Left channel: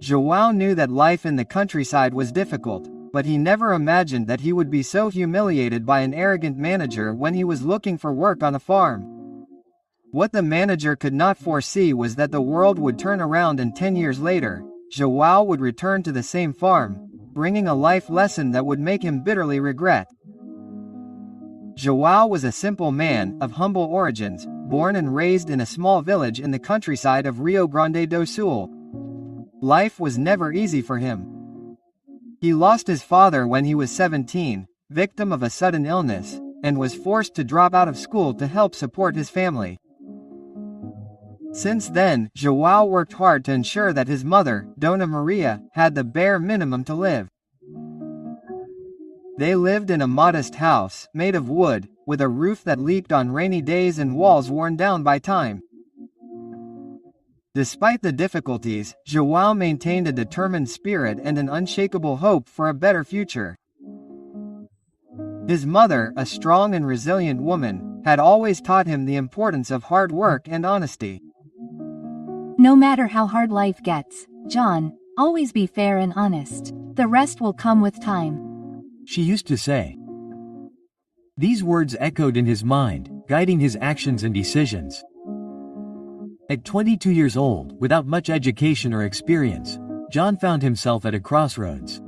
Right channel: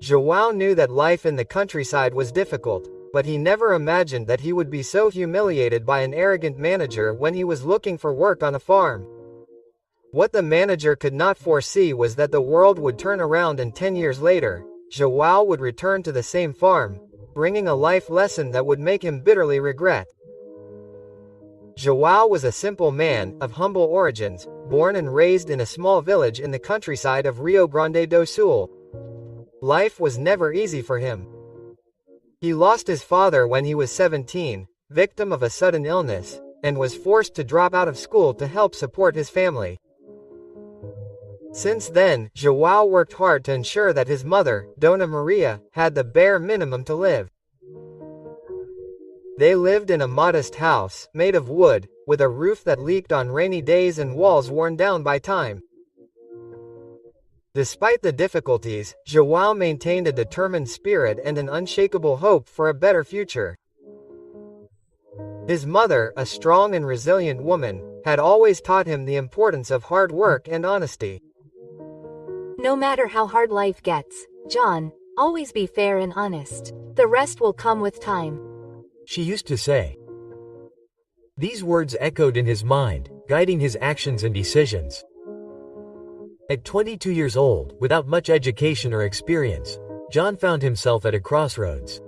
João knew that life in the countryside was difficult, but he never imagined that he would be so humiliated by an arrogant manager when he was looking for work on a farm. What the manager could not foresee was that the world would turn around and 10 years later, João would return to the same farm, bringing a life lesson that would make him bitterly regret. João was a simple man, of humble origins, born and raised in a small village in the countryside of Rio Grande do Sul. Life was never easy for him. He lost his father when he was 17, victim of a sudden illness, and was forced to drop out of school to help support his family. Since then, João worked hard to ensure that his mother, Dona Maria, had the bare minimum to live. They lived in a modest house, made of wood, with a roof that leaked on rainy days and walls worn down by time. Despite the difficulties, João maintained a determined spirit and an unshakable hope for a better future. His mother, a strong and resilient woman, had always taught him the importance of hard work and honesty. No matter how hard life gets, John, always be fair and honest. The rest will come with time, she used to say. These words echoed in his mind, guiding his actions and decisions. At 22 years old, without much education or experience, John found himself at a crossroads.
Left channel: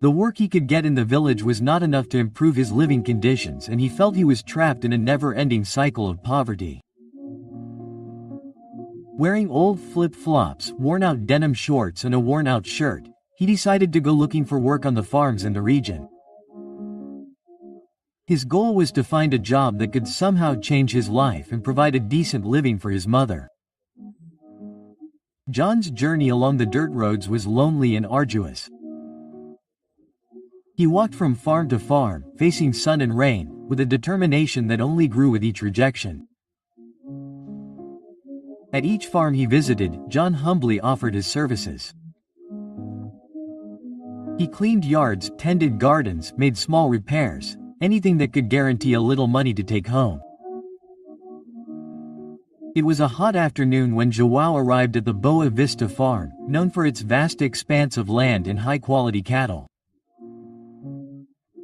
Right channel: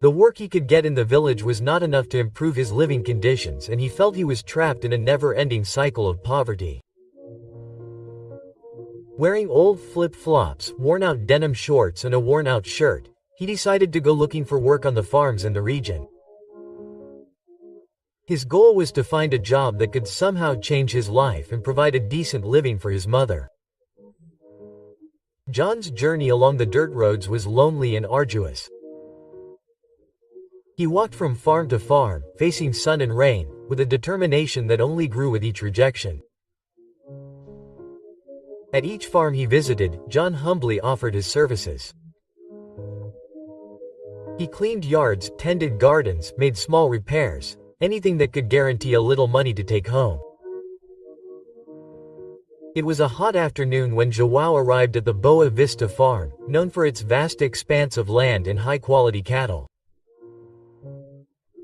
The work he could get in the village was not enough to improve his living conditions, and he felt he was trapped in a never-ending cycle of poverty. Wearing old flip-flops, worn-out denim shorts and a worn-out shirt, he decided to go looking for work on the farms in the region. His goal was to find a job that could somehow change his life and provide a decent living for his mother. John's journey along the dirt roads was lonely and arduous. He walked from farm to farm, facing sun and rain, with a determination that only grew with each rejection. At each farm he visited, John humbly offered his services. He cleaned yards, tended gardens, made small repairs, anything that could guarantee a little money to take home. It was a hot afternoon when João arrived at the Boa Vista farm, known for its vast expanse of land and high-quality cattle.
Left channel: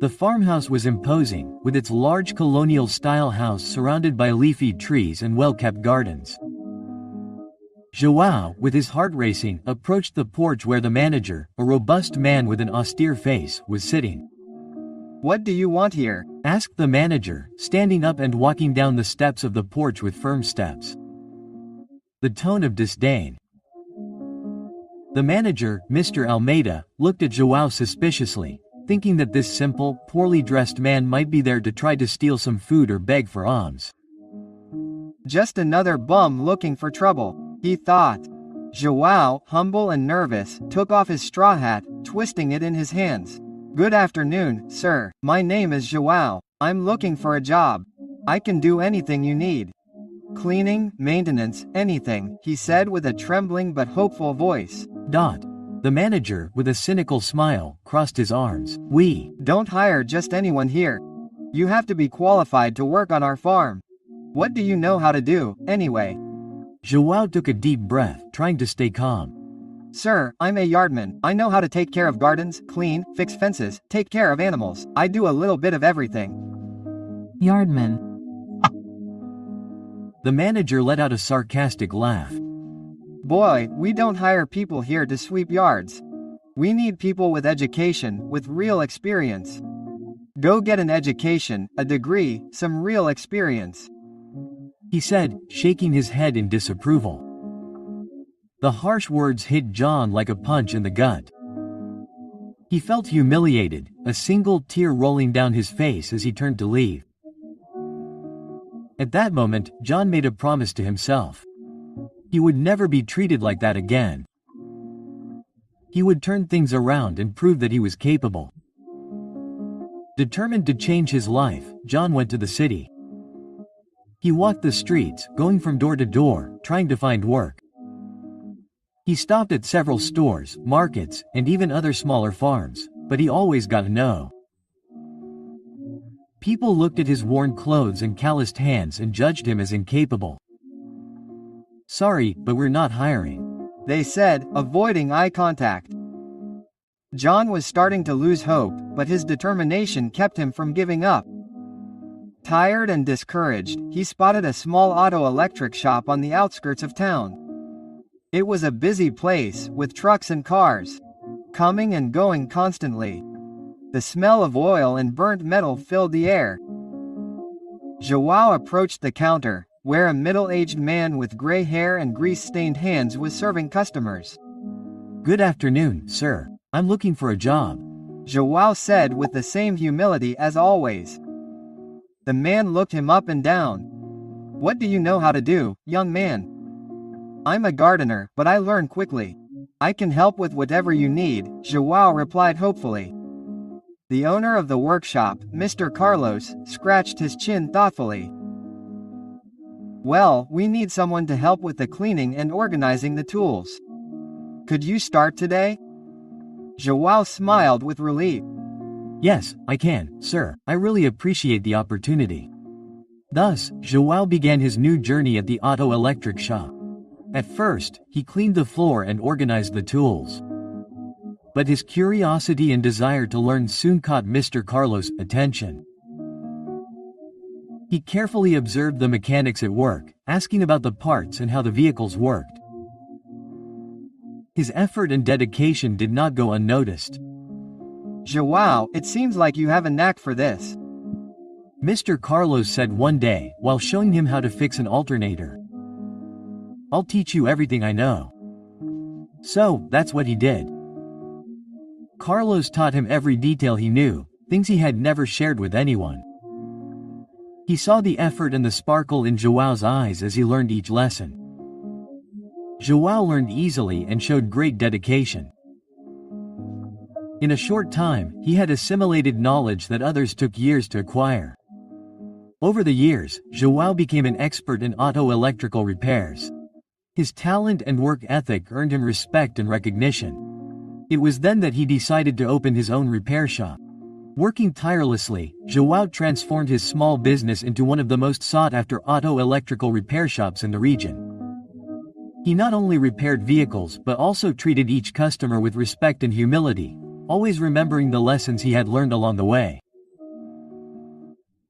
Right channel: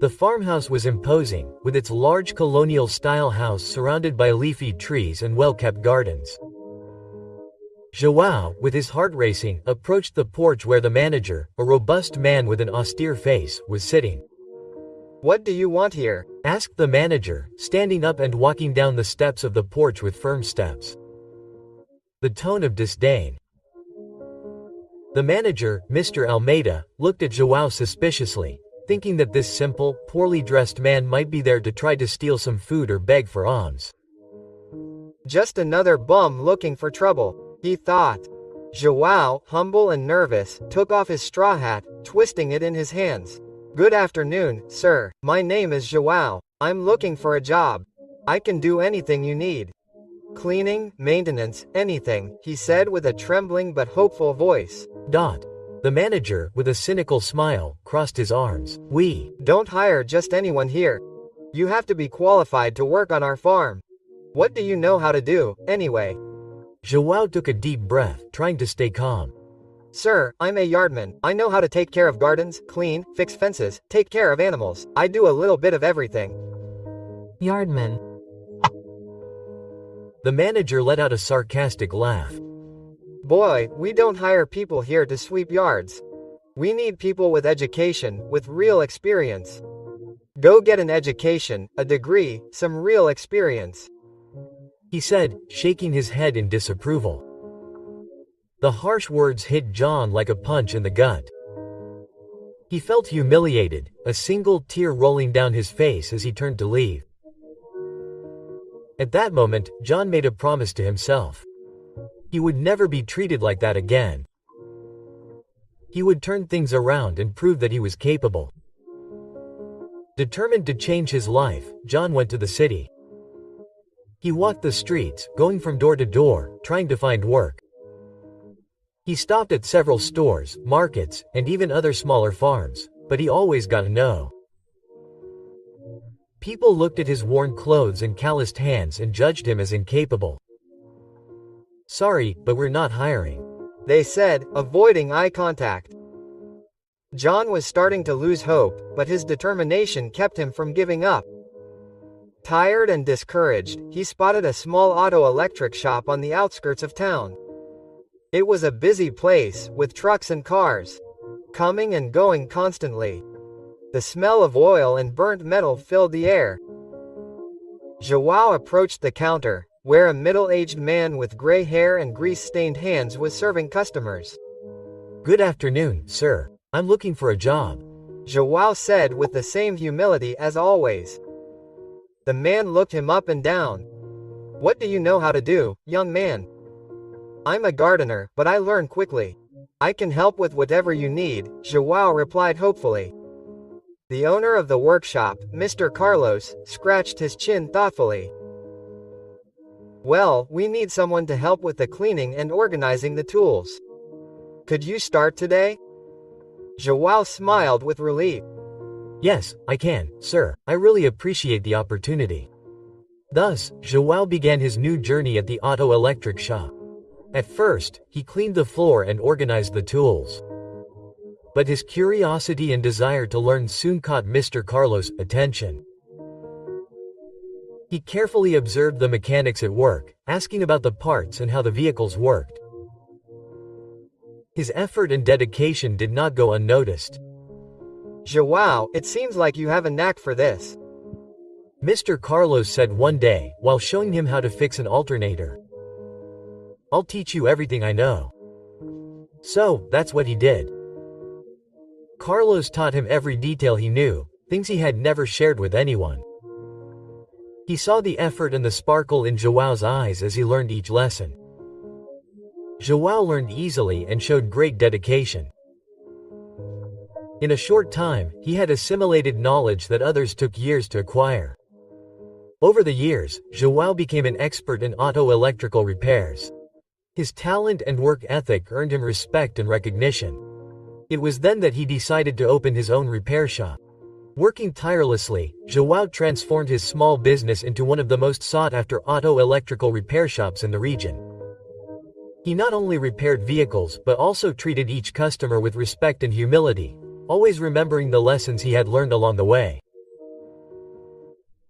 The farmhouse was imposing, with its large colonial-style house surrounded by leafy trees and well-kept gardens. João, with his heart racing, approached the porch where the manager, a robust man with an austere face, was sitting. "What do you want here?" asked the manager, standing up and walking down the steps of the porch with firm steps. The tone of disdain. The manager, Mr. Almeida, looked at João suspiciously, thinking that this simple, poorly dressed man might be there to try to steal some food or beg for alms. Just another bum looking for trouble, he thought. João, humble and nervous, took off his straw hat, twisting it in his hands. "Good afternoon, sir. My name is João. I'm looking for a job. I can do anything you need. Cleaning, maintenance, anything," he said with a trembling but hopeful voice. The manager, with a cynical smile, crossed his arms. "We don't hire just anyone here. You have to be qualified to work on our farm. What do you know how to do, anyway?" João took a deep breath, trying to stay calm. "Sir, I'm a yardman. I know how to take care of gardens, clean, fix fences, take care of animals. I do a little bit of everything." Yardman. The manager let out a sarcastic laugh. "Boy, we don't hire people here to sweep yards. We need people with education, with real experience. Go get an education, a degree, some real experience," he said, shaking his head in disapproval. The harsh words hit John like a punch in the gut. He felt humiliated, a single tear rolling down his face as he turned to leave. At that moment, John made a promise to himself. He would never be treated like that again. He would turn things around and prove that he was capable. Determined to change his life, John went to the city. He walked the streets, going from door to door, trying to find work. He stopped at several stores, markets, and even other smaller farms, but he always got a no. People looked at his worn clothes and calloused hands and judged him as incapable. "Sorry, but we're not hiring," they said, avoiding eye contact. John was starting to lose hope, but his determination kept him from giving up. Tired and discouraged, he spotted a small auto-electric shop on the outskirts of town. It was a busy place, with trucks and cars coming and going constantly. The smell of oil and burnt metal filled the air. João approached the counter, where a middle-aged man with gray hair and grease-stained hands was serving customers. "Good afternoon, sir. I'm looking for a job," João said with the same humility as always. The man looked him up and down. "What do you know how to do, young man?" "I'm a gardener, but I learn quickly. I can help with whatever you need," João replied hopefully. The owner of the workshop, Mr. Carlos, scratched his chin thoughtfully. "Well, we need someone to help with the cleaning and organizing the tools. Could you start today?" João smiled with relief. "Yes, I can, sir. I really appreciate the opportunity." Thus, João began his new journey at the auto-electric shop. At first, he cleaned the floor and organized the tools. But his curiosity and desire to learn soon caught Mr. Carlos' attention. He carefully observed the mechanics at work, asking about the parts and how the vehicles worked. His effort and dedication did not go unnoticed. "João, it seems like you have a knack for this," Mr. Carlos said one day, while showing him how to fix an alternator. "I'll teach you everything I know." So, that's what he did. Carlos taught him every detail he knew, things he had never shared with anyone. He saw the effort and the sparkle in João's eyes as he learned each lesson. João learned easily and showed great dedication. In a short time, he had assimilated knowledge that others took years to acquire. Over the years, João became an expert in auto-electrical repairs. His talent and work ethic earned him respect and recognition. It was then that he decided to open his own repair shop. Working tirelessly, João transformed his small business into one of the most sought-after auto-electrical repair shops in the region. He not only repaired vehicles but also treated each customer with respect and humility, always remembering the lessons he had learned along the way.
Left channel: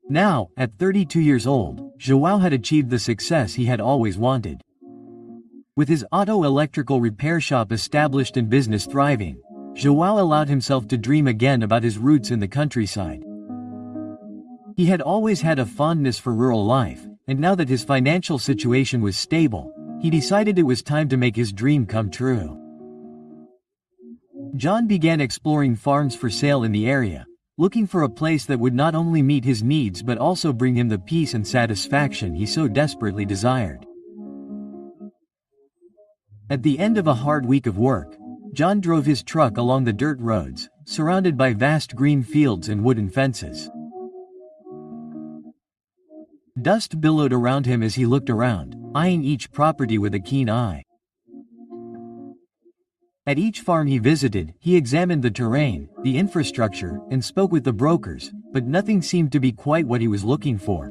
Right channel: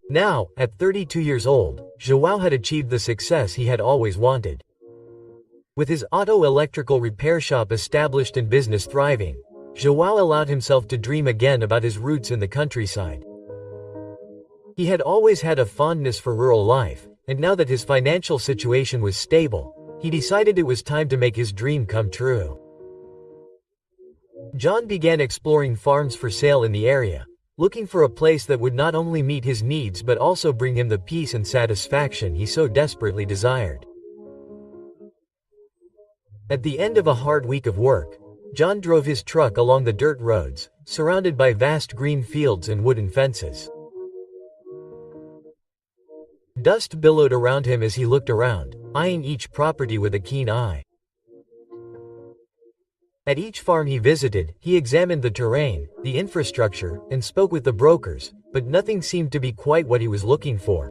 Now, at 32 years old, João had achieved the success he had always wanted. With his auto-electrical repair shop established and business thriving, João allowed himself to dream again about his roots in the countryside. He had always had a fondness for rural life, and now that his financial situation was stable, he decided it was time to make his dream come true. John began exploring farms for sale in the area, looking for a place that would not only meet his needs but also bring him the peace and satisfaction he so desperately desired. At the end of a hard week of work, John drove his truck along the dirt roads, surrounded by vast green fields and wooden fences. Dust billowed around him as he looked around, eyeing each property with a keen eye. At each farm he visited, he examined the terrain, the infrastructure, and spoke with the brokers, but nothing seemed to be quite what he was looking for.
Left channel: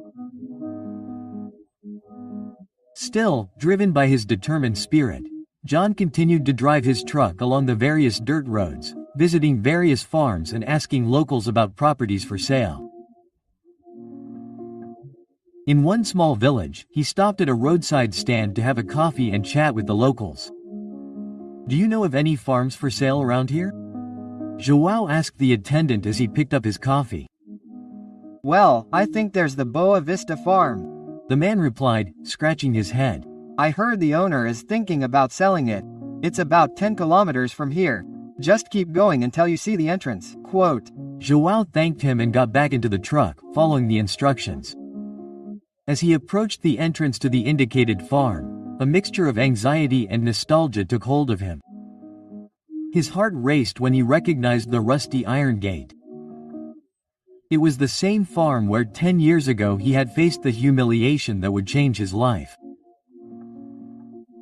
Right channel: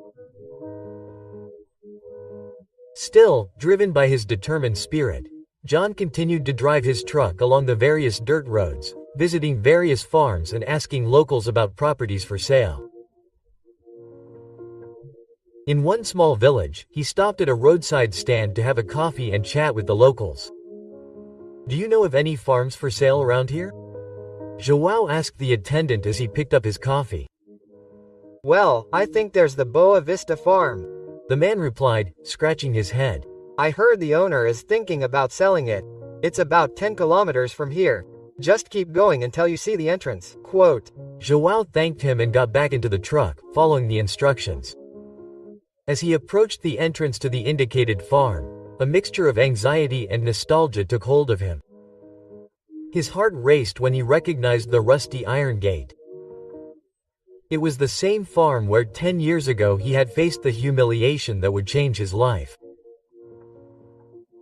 Still, driven by his determined spirit, John continued to drive his truck along the various dirt roads, visiting various farms and asking locals about properties for sale. In one small village, he stopped at a roadside stand to have a coffee and chat with the locals. "Do you know of any farms for sale around here?" João asked the attendant as he picked up his coffee. "Well, I think there's the Boa Vista farm," the man replied, scratching his head. "I heard the owner is thinking about selling it. It's about 10 kilometers from here. Just keep going until you see the entrance." Quote. João thanked him and got back into the truck, following the instructions. As he approached the entrance to the indicated farm, a mixture of anxiety and nostalgia took hold of him. His heart raced when he recognized the rusty iron gate. It was the same farm where 10 years ago he had faced the humiliation that would change his life.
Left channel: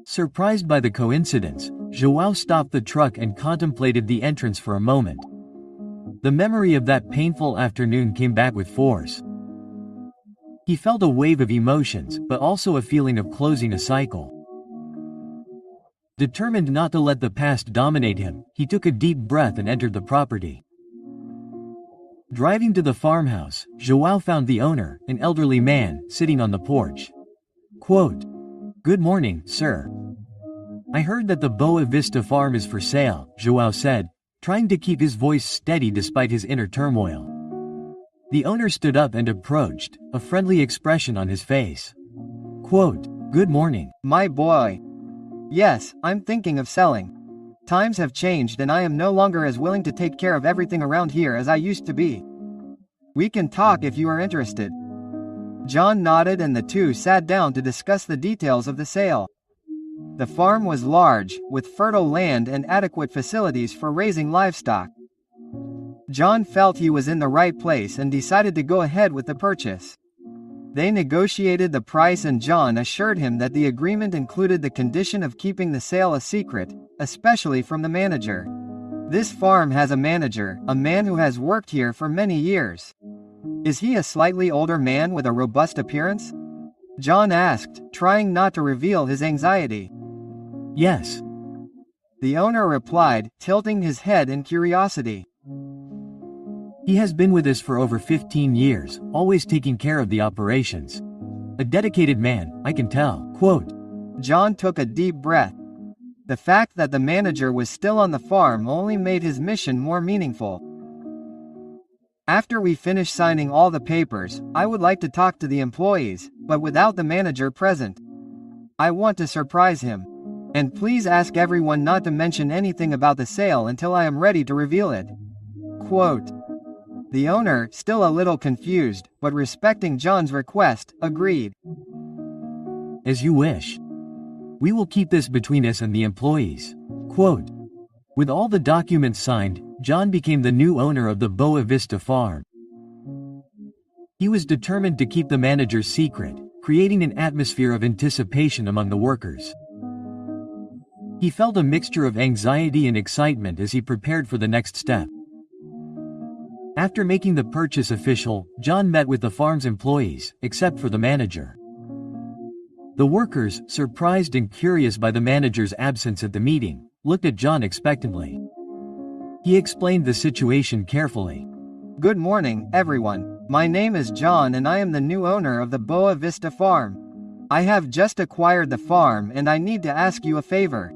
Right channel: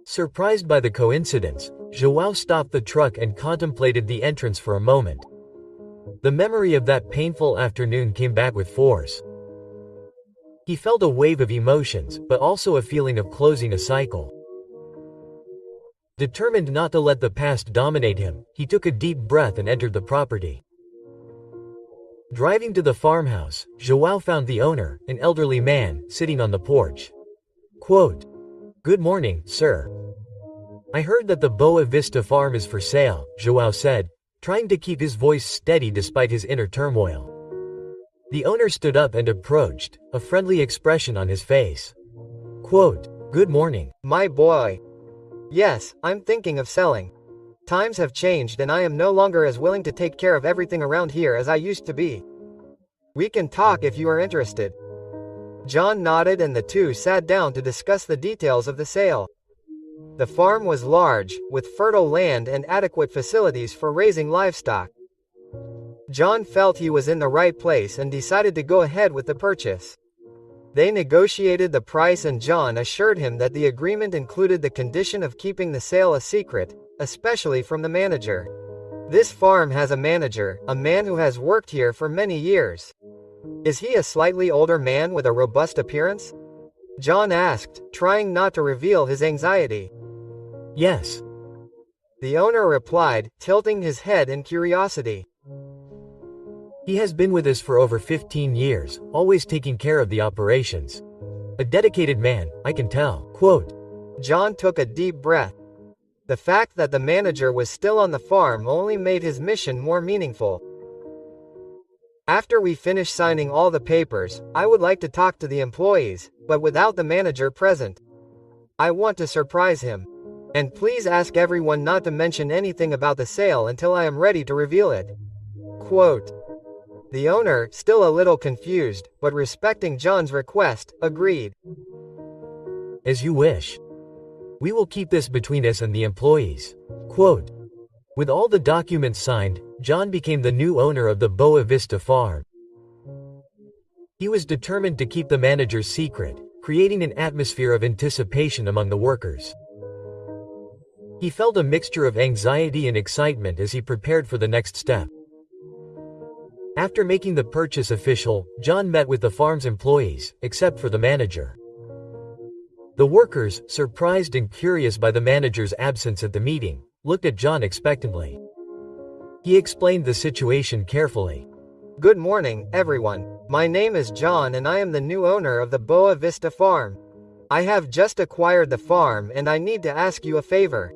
Surprised by the coincidence, João stopped the truck and contemplated the entrance for a moment. The memory of that painful afternoon came back with force. He felt a wave of emotions, but also a feeling of closing a cycle. Determined not to let the past dominate him, he took a deep breath and entered the property. Driving to the farmhouse, João found the owner, an elderly man, sitting on the porch. Quote, "Good morning, sir. I heard that the Boa Vista farm is for sale," João said, trying to keep his voice steady despite his inner turmoil. The owner stood up and approached, a friendly expression on his face. Quote, "Good morning. My boy. Yes, I'm thinking of selling. Times have changed and I am no longer as willing to take care of everything around here as I used to be. We can talk if you are interested." John nodded and the two sat down to discuss the details of the sale. The farm was large, with fertile land and adequate facilities for raising livestock. John felt he was in the right place and decided to go ahead with the purchase. They negotiated the price and John assured him that the agreement included the condition of keeping the sale a secret, especially from the manager. This farm has a manager, a man who has worked here for many years. Is he a slightly older man with a robust appearance? John asked, trying not to reveal his anxiety. Yes. The owner replied, tilting his head in curiosity. He has been with us for over 15 years, always taking care of the operations. A dedicated man, I can tell. Quote, John took a deep breath. The fact that the manager was still on the farm only made his mission more meaningful. After we finish signing all the papers, I would like to talk to the employees, but without the manager present. I want to surprise him. And please ask everyone not to mention anything about the sale until I am ready to reveal it. Quote. The owner, still a little confused, but respecting John's request, agreed. As you wish. We will keep this between us and the employees. Quote. With all the documents signed, John became the new owner of the Boa Vista farm. He was determined to keep the manager's secret, creating an atmosphere of anticipation among the workers. He felt a mixture of anxiety and excitement as he prepared for the next step. After making the purchase official, John met with the farm's employees, except for the manager. The workers, surprised and curious by the manager's absence at the meeting, looked at John expectantly. He explained the situation carefully. Good morning, everyone. My name is John and I am the new owner of the Boa Vista farm. I have just acquired the farm and I need to ask you a favor.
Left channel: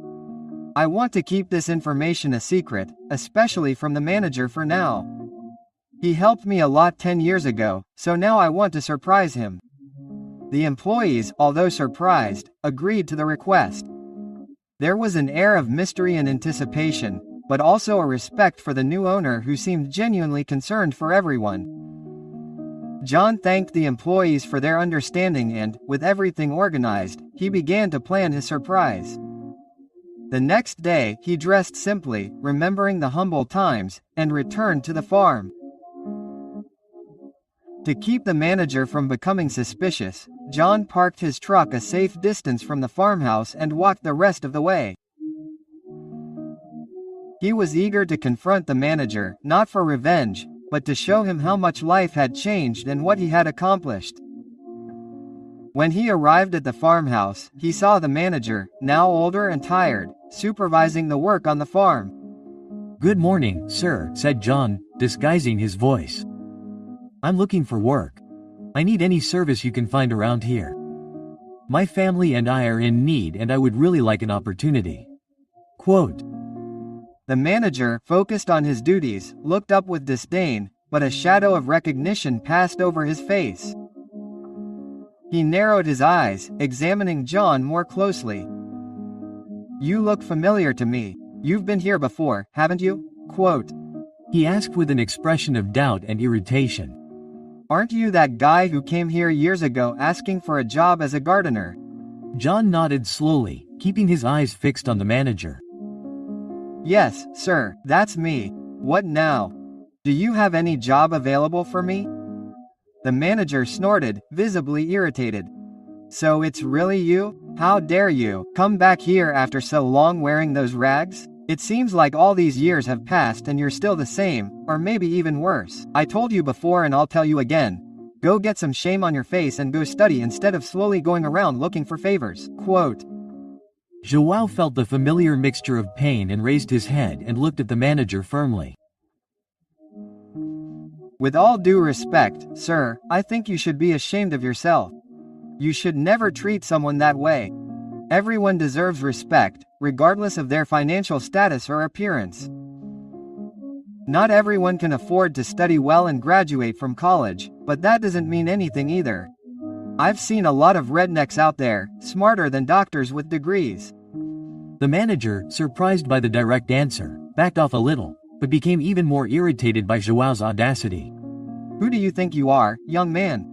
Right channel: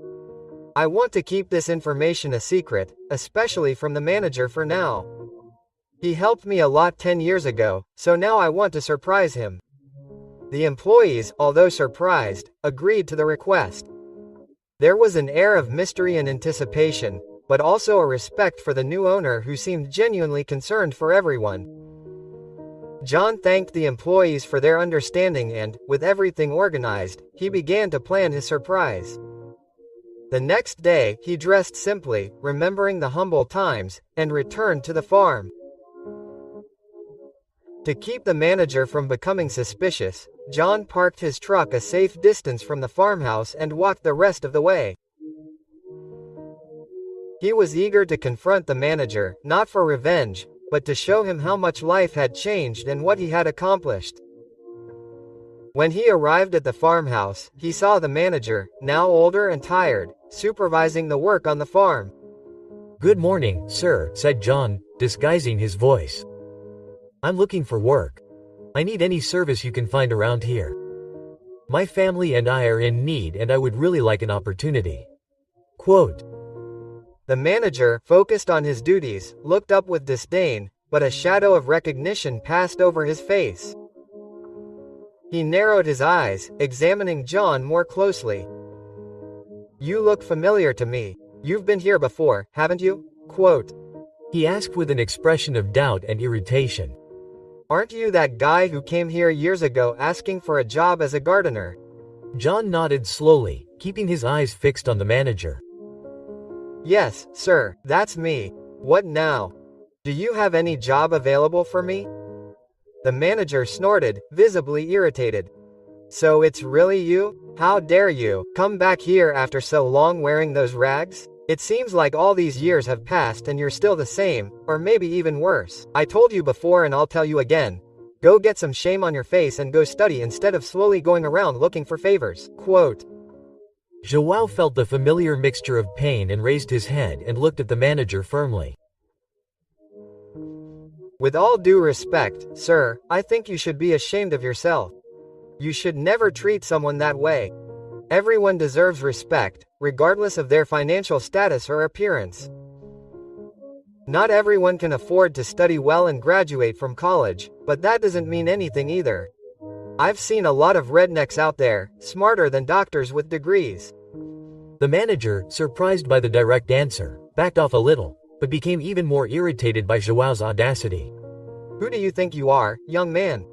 I want to keep this information a secret, especially from the manager for now. He helped me a lot 10 years ago, so now I want to surprise him. The employees, although surprised, agreed to the request. There was an air of mystery and anticipation, but also a respect for the new owner who seemed genuinely concerned for everyone. John thanked the employees for their understanding and, with everything organized, he began to plan his surprise. The next day, he dressed simply, remembering the humble times, and returned to the farm. To keep the manager from becoming suspicious, John parked his truck a safe distance from the farmhouse and walked the rest of the way. He was eager to confront the manager, not for revenge, but to show him how much life had changed and what he had accomplished. When he arrived at the farmhouse, he saw the manager, now older and tired, supervising the work on the farm. Good morning, sir, said John, disguising his voice. I'm looking for work. I need any service you can find around here. My family and I are in need and I would really like an opportunity. Quote. The manager, focused on his duties, looked up with disdain, but a shadow of recognition passed over his face. He narrowed his eyes, examining John more closely. You look familiar to me. You've been here before, haven't you? Quote. He asked with an expression of doubt and irritation. Aren't you that guy who came here years ago asking for a job as a gardener? John nodded slowly, keeping his eyes fixed on the manager. Yes, sir, that's me. What now? Do you have any job available for me? The manager snorted, visibly irritated. So it's really you? How dare you come back here after so long wearing those rags? It seems like all these years have passed and you're still the same, or maybe even worse. I told you before and I'll tell you again. Go get some shame on your face and go study instead of slowly going around looking for favors. Quote. João felt the familiar mixture of pain and raised his head and looked at the manager firmly. With all due respect, sir, I think you should be ashamed of yourself. You should never treat someone that way. Everyone deserves respect, regardless of their financial status or appearance. Not everyone can afford to study well and graduate from college, but that doesn't mean anything either. I've seen a lot of rednecks out there, smarter than doctors with degrees. The manager, surprised by the direct answer, backed off a little, but became even more irritated by João's audacity. Who do you think you are, young man?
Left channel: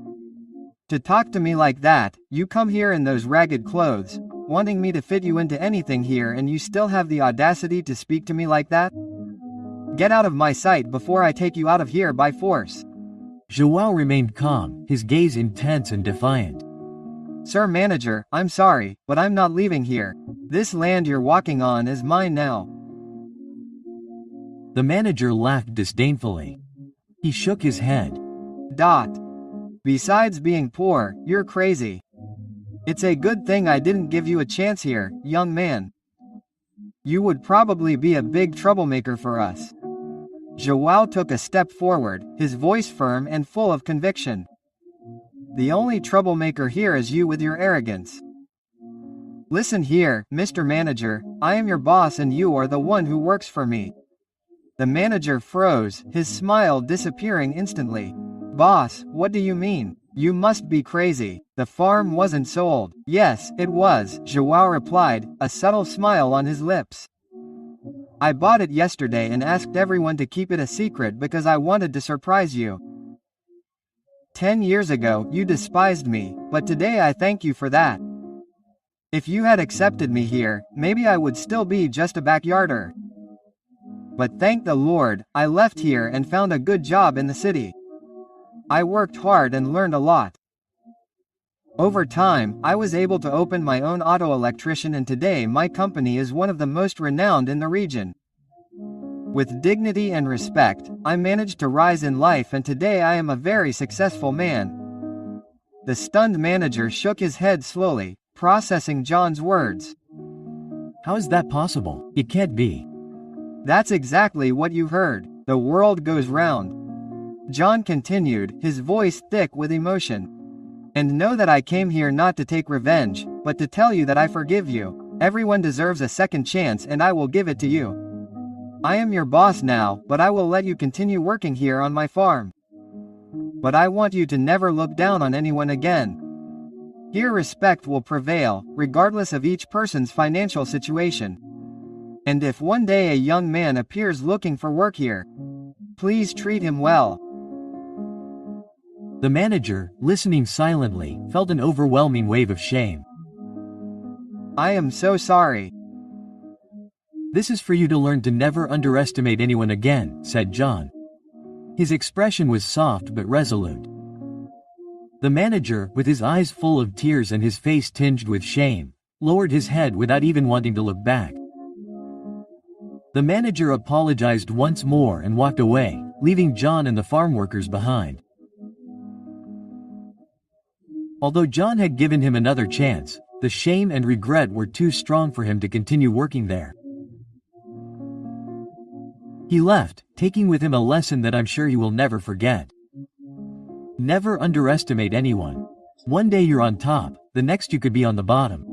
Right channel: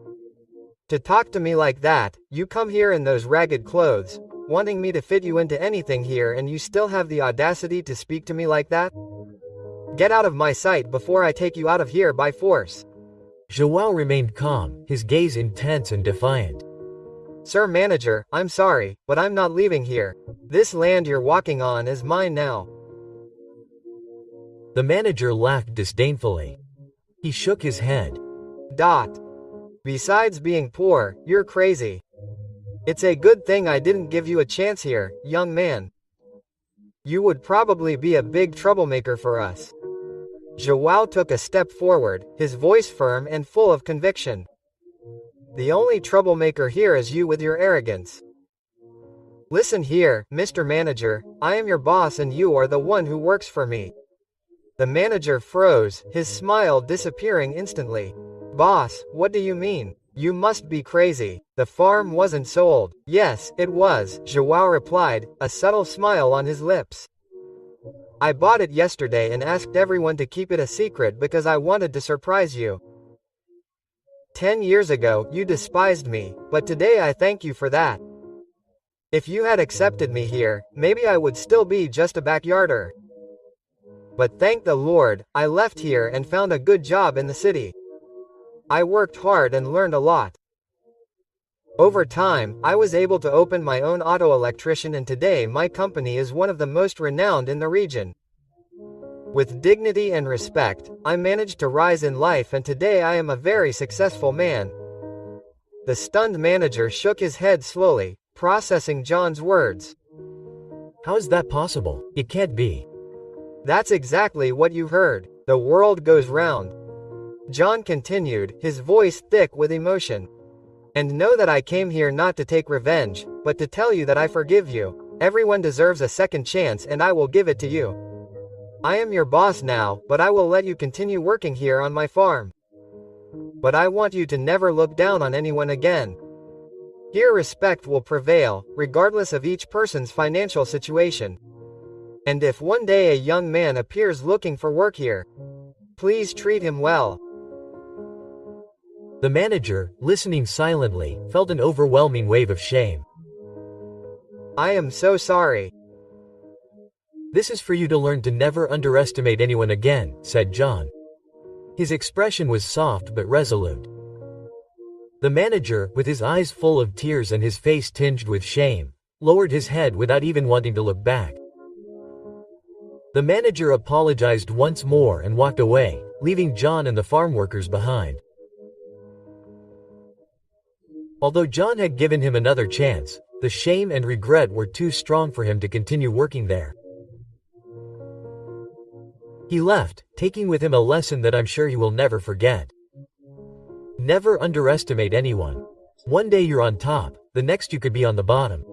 To talk to me like that? You come here in those ragged clothes, wanting me to fit you into anything here, and you still have the audacity to speak to me like that? Get out of my sight before I take you out of here by force. João remained calm, his gaze intense and defiant. Sir Manager, I'm sorry, but I'm not leaving here. This land you're walking on is mine now. The manager laughed disdainfully. He shook his head. Besides being poor, you're crazy. It's a good thing I didn't give you a chance here, young man. You would probably be a big troublemaker for us. João took a step forward, his voice firm and full of conviction. The only troublemaker here is you with your arrogance. Listen here, Mr. Manager, I am your boss and you are the one who works for me. The manager froze, his smile disappearing instantly. Boss, what do you mean? You must be crazy. The farm wasn't sold. Yes, it was, João replied, a subtle smile on his lips. I bought it yesterday and asked everyone to keep it a secret because I wanted to surprise you. 10 years ago, you despised me, but today I thank you for that. If you had accepted me here, maybe I would still be just a backyarder. But thank the Lord, I left here and found a good job in the city. I worked hard and learned a lot. Over time, I was able to open my own auto electrician, and today my company is one of the most renowned in the region. With dignity and respect, I managed to rise in life, and today I am a very successful man. The stunned manager shook his head slowly, processing John's words. How is that possible? It can't be. That's exactly what you heard. The world goes round. John continued, his voice thick with emotion. And know that I came here not to take revenge, but to tell you that I forgive you. Everyone deserves a second chance and I will give it to you. I am your boss now, but I will let you continue working here on my farm. But I want you to never look down on anyone again. Here respect will prevail, regardless of each person's financial situation. And if one day a young man appears looking for work here, please treat him well. The manager, listening silently, felt an overwhelming wave of shame. I am so sorry. This is for you to learn to never underestimate anyone again, said John. His expression was soft but resolute. The manager, with his eyes full of tears and his face tinged with shame, lowered his head without even wanting to look back. The manager apologized once more and walked away, leaving John and the farm workers behind. Although John had given him another chance, the shame and regret were too strong for him to continue working there. He left, taking with him a lesson that I'm sure he will never forget. Never underestimate anyone. One day you're on top, the next you could be on the bottom.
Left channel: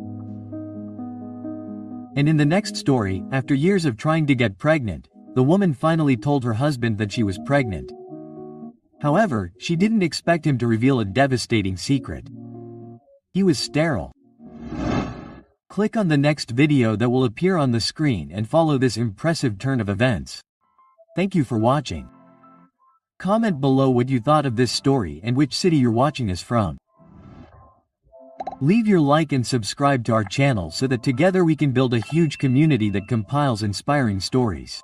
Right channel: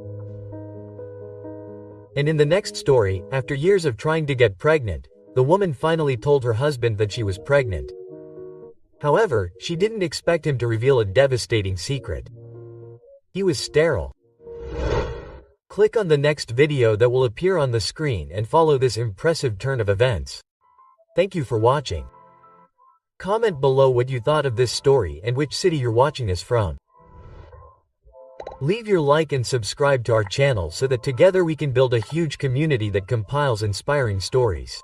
And in the next story, after years of trying to get pregnant, the woman finally told her husband that she was pregnant. However, she didn't expect him to reveal a devastating secret. He was sterile. Click on the next video that will appear on the screen and follow this impressive turn of events. Thank you for watching. Comment below what you thought of this story and which city you're watching this from. Leave your like and subscribe to our channel so that together we can build a huge community that compiles inspiring stories.